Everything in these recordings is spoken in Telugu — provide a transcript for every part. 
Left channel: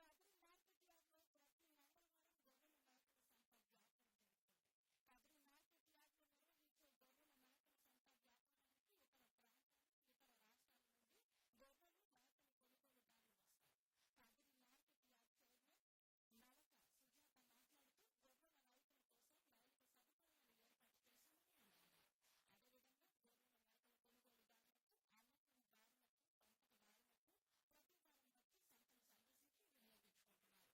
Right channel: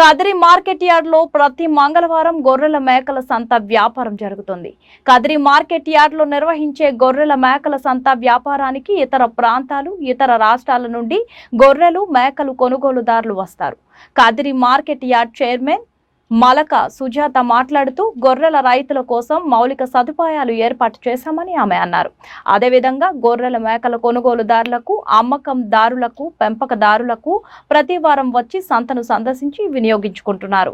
కదిరి మార్కెట్ యార్డ్ లో ప్రతి మంగళవారం గొర్రెల మేకల సంత వ్యాపారం జరుగుతుంది. కదిరి మార్కెట్ యార్డ్ లో నిర్వహించే గొర్రెల మేకల సంత వ్యాపారానికి ఇతర ప్రాంతాలు, ఇతర రాష్ట్రాల నుండి గొర్రెలు, మేకలు కొనుగోలుదారులు వస్తారు. Kadiri market yard chairman Malaka Sujatha మాట్లాడుతూ గొర్రెల రైతుల కోసం మౌలిక సదుపాయాలు ఏర్పాటు చేశామని ఆమె అన్నారు. అదేవిధంగా గొర్రెల మేకల కొనుగోలుదారులకు, అమ్మకందారులకు, పెంపకదారులకు ప్రతి వారం వచ్చి సంతను సందర్శించి వినియోగించుకుంటున్నారు.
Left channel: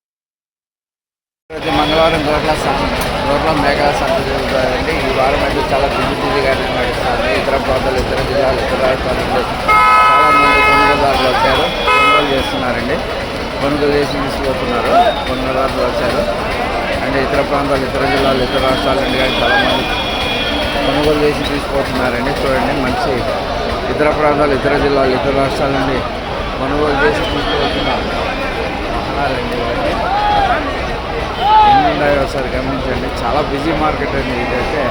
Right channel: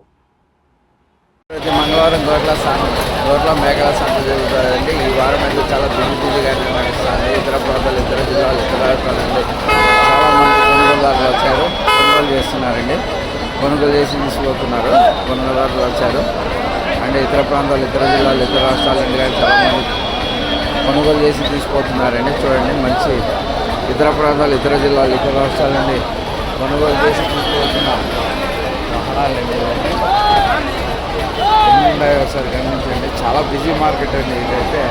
ప్రతి మంగళవారం గొర్రెల మేకల సంత జరుగుతుందండి. ఈ వారం అయితే చాలా బిజీగానే నడుస్తుంది. ఇతర ప్రాంతాలు, ఇతర జిల్లాలు, ఇతర రాష్ట్రాల నుండి చాలామంది కొనుగోలుదారులు వచ్చారు, కొనుగోలు చేస్తున్నారండి. కొనుగోలు చేసి తీసుకుపోతున్నారు. కొనుగోలుదారులు వచ్చారు అంటే ఇతర ప్రాంతాలు, ఇతర జిల్లాలు, ఇతర రాష్ట్రాల నుండి కానీ చాలామంది కొనుగోలు చేసి తీసుకుపోతున్నారండి. చూడండి, మంచి ఇతర ప్రాంతాలు, ఇతర జిల్లాలు, ఇతర రాష్ట్రాల నుండి కొనుగోలు చేసి తీసుకుపోతున్న వాహనాలండి. ఇవన్నీ ఎన్ని ఉన్నాయో ఒకసారి గమనించండి. చాలా బిజీ మార్కెట్ అండి. ఇదైతే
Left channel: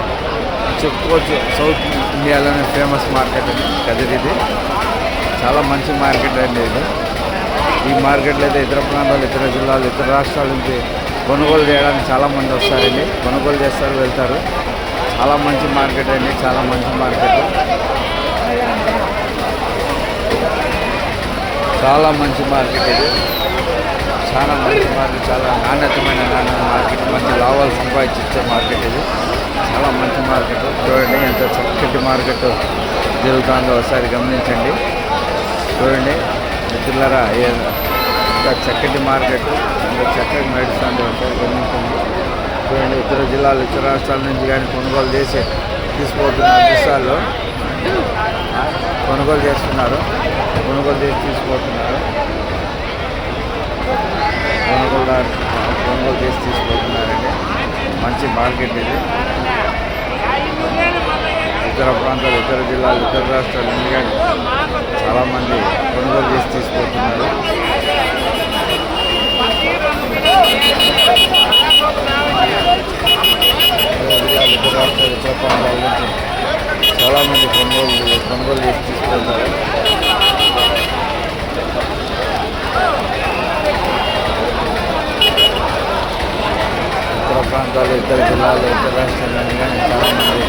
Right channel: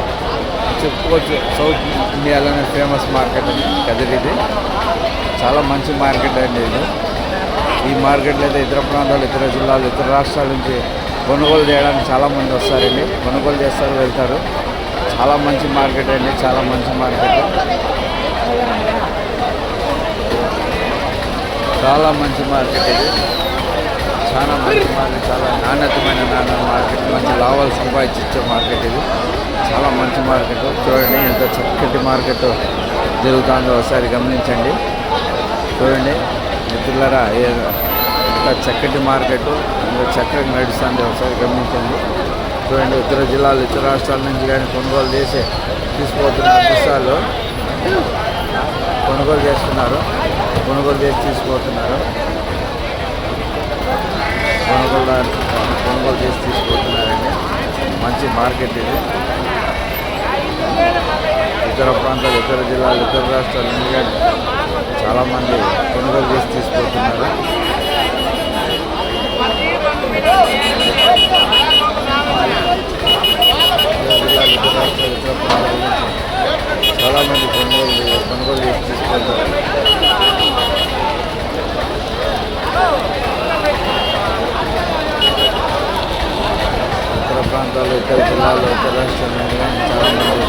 చెప్పుకోవచ్చు సౌత్ ఇండియాలోనే ఫేమస్ మార్కెట్ అండి కదిరిది. చాలా మంచి మార్కెట్ అండి ఇది. ఈ మార్కెట్లో అయితే ఇతర ప్రాంతాలు, ఇతర జిల్లాలు, ఇతర రాష్ట్రాల నుంచి కొనుగోలు చేయడానికి చాలామంది వస్తారండి. కొనుగోలు చేస్తారు, వెళ్తారు. చాలా మంచి మార్కెట్ అండి, చాలా మంచి మార్కెట్, చాలా మంచి మార్కెట్ ఇది. చాలా మంచి మార్కెట్, చాలా నాణ్యతమైన మార్కెట్, మంచి లాభాలు సంపాదించే మార్కెట్ ఇది. చాలా మంచి మార్కెట్. చూడండి ఎంత చక్కటి మార్కెట్ జరుగుతుందో ఒకసారి గమనించండి. చూడండి మిత్రులారా, ఇంకా చక్కటి మార్కెట్, ఇంకా చక్కగా నడుస్తుంది. ఒకసారి గమనించండి. చూడండి, ఇతర జిల్లాలు, ఇతర రాష్ట్రాల నుంచి కానీ కొనుగోలు చేసి తీసుకుపోతున్న దృశ్యాల్లో కొనుగోలు చేస్తున్నారు. కొనుగోలు చేసి తీసుకుపోతున్నారు. కొనుగోలు చేసి తీసుకుపోతున్నారండి. మంచి మార్కెట్ ఇది. ఇతర ప్రాంతాలు, ఇతర జిల్లాలు, ఇతర రాష్ట్రాల నుండి కానీ చాలామంది కొనుగోలు చేసి తీసుకుపోతున్నారు. జిల్లాలు, ఇతర రాష్ట్రాలు, ఇతర ప్రాంతాల నుంచి చాలామంది కొనుగోలు చేసి తీసుకుపోతారు. ఇతర ప్రాంతాలు, ఇతర జిల్లాలు, ఇతర రాష్ట్రాల నుండి కానీ చాలామంది